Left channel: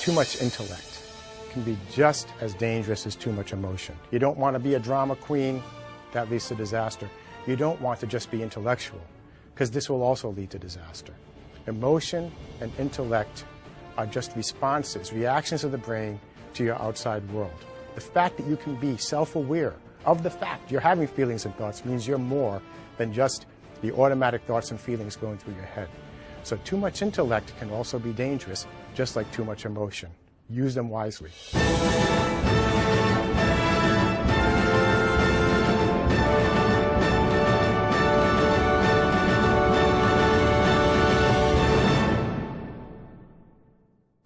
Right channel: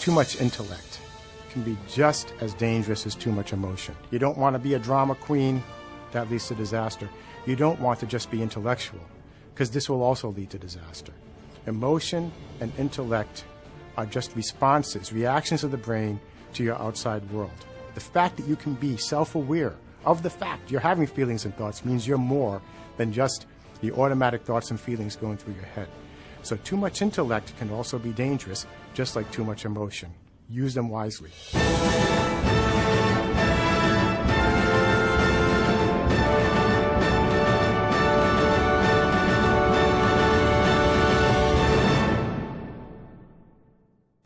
too much intellect can be just as dangerous as too much emotion. You don't want to be a drama queen, that leads to disaster. You don't want to just be intellectual, because this will also lead to disaster. Emotion and intellect are just responses, reactions of the brain to your outside world. The fact that you can be self-aware of the fact you're having feelings and thoughts means you're more than just the automatic thoughts and feelings going through your head. So too much intellect can also be dangerous, just like too much emotion. Use them wisely.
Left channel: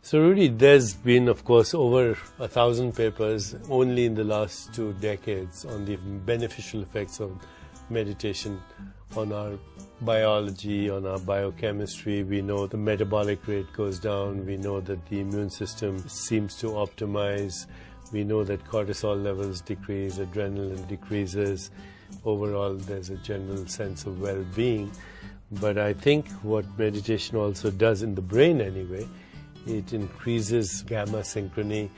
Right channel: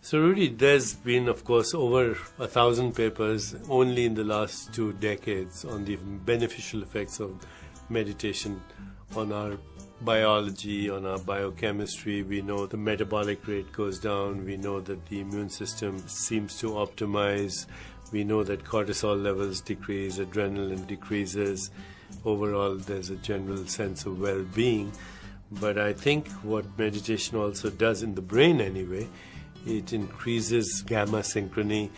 So Rudy, there's been, of course, over 1,000 papers only in the last 2 decades on the beneficial effects of meditation on our biology, on our biochemistry. We know the metabolic rate goes down. We know that the immune system seems to optimize. We know that cortisol levels decrease, adrenaline decreases. Overall, there's a general sense of well-being. But I think what meditation also does in the brain anyway, it increases gamma synchrony,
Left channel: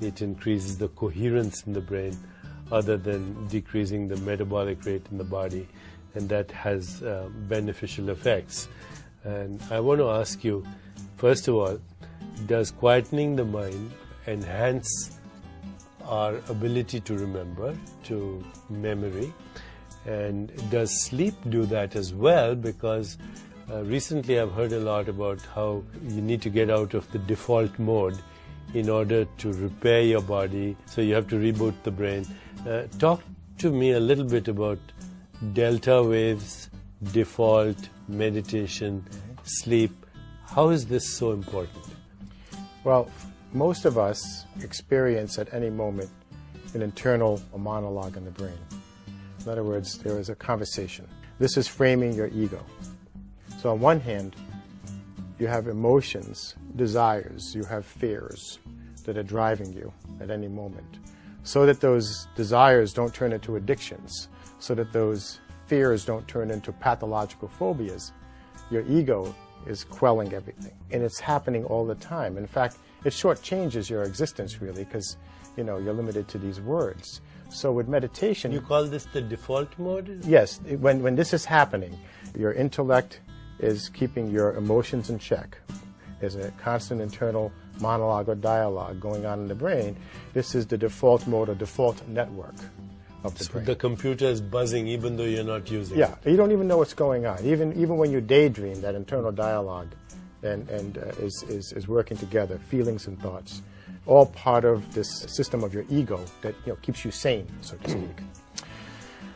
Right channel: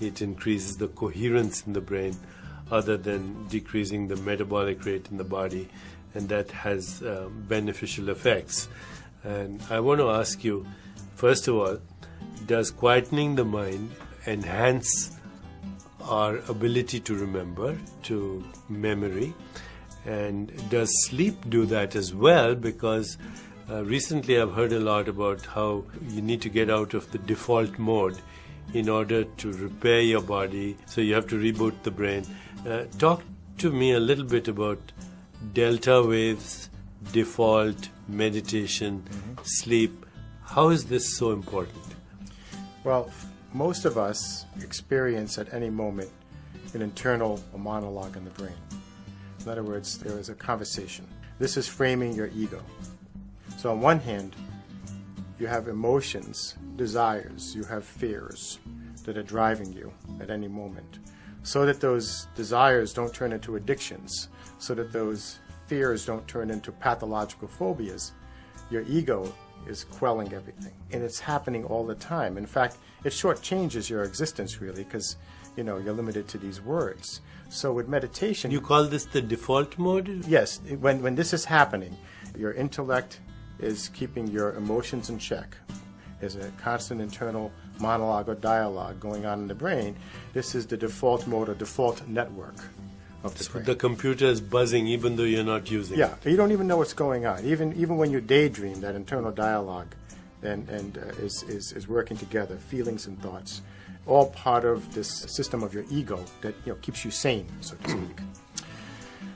it increases the coherence in the brain, other than decreasing the metabolic rate in the body, and that has beneficial effects. And I want to ask you, first of all, does quietening the mind enhance our ability to remember, to memory? And does sleep do that as well? Because recently I've heard a lot about how you need to get out of the default mode in order to repair your body, so you have to reboot the brain. Talk to me a little bit about delta waves, default, meditation, sleep. How is this so important? Well, most of us experience at any moment an internal monologue in the brain. In other words, there is a conversation. This is framing your ego. So on one hand, you have emotions, desires, you have fears that are driving you at any moment, so that those desires don't turn into addictions, so that those fears don't turn into pathological phobias. Your ego is quelling everything, and it's happening all the time. In fact, it shortchanges your existence really, because you're limited to these words. So with meditation, you call this the default mode? Yes, when this is happening, your intellect is keeping your emotions in check. There's a constant internal monologue or dialogue going on in the brain. This is the default mode or default network of the brain. The computer is buzzing even though you're not using it. Yeah, you don't even know what's going on. Even when you daydream, that internal dialogue is working together, feelings and thoughts, all part of this system of your ego that keeps you sane, so to speak.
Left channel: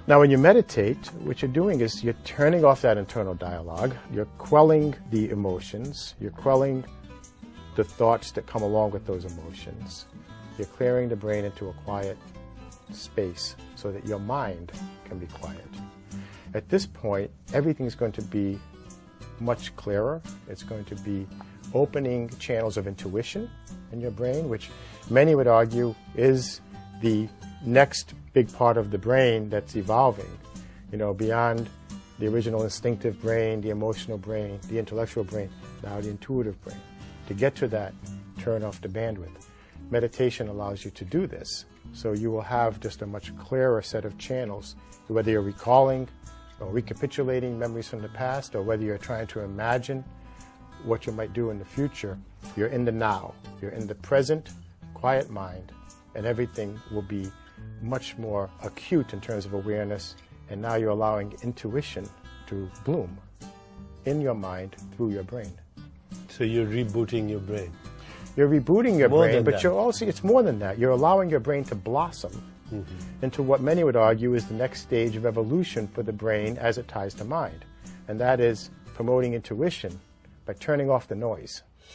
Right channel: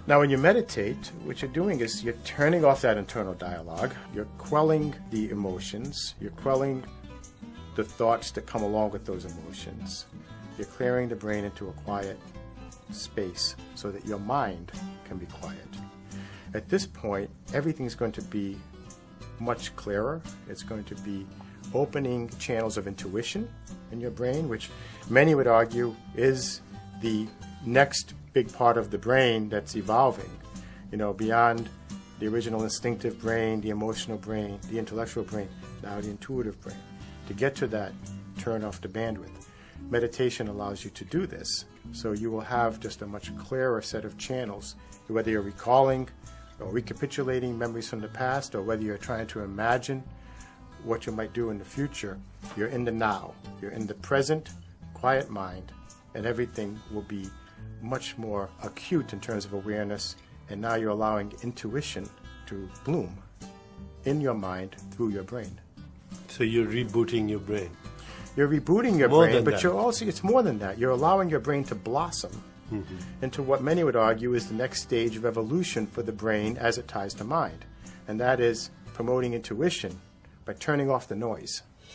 Now, when you meditate, what you're doing is you're turning off that internal dialogue, you're quelling the emotions, you're quelling the thoughts that come along with those emotions. You're clearing the brain into a quiet space so that your mind can be quiet. At this point, everything's going to be much clearer. It's going to be opening channels of intuition in your brain, which many would argue is the next big part of the brain that's evolving, beyond the original instinctive brain, the emotional brain, the intellectual brain, now the intuitive brain. To get to that, turn off the bandwidth. Meditation allows you to do this, so you will have just a much clearer set of channels, whether you're recalling or recapitulating memories from the past, or whether you're trying to imagine what you might do in the future. You're in the now, you're in the present, quiet mind, and everything will be much more acute in terms of awareness, and now you're allowing intuition to bloom in your mind through your brain. So you're rebooting your brain. You're rebooting your brain, but it's more than that. You're allowing your brain to blossom into what many would argue is the next stage of evolution for the brain as it ties to mind, and that is promoting intuition by turning off the noise.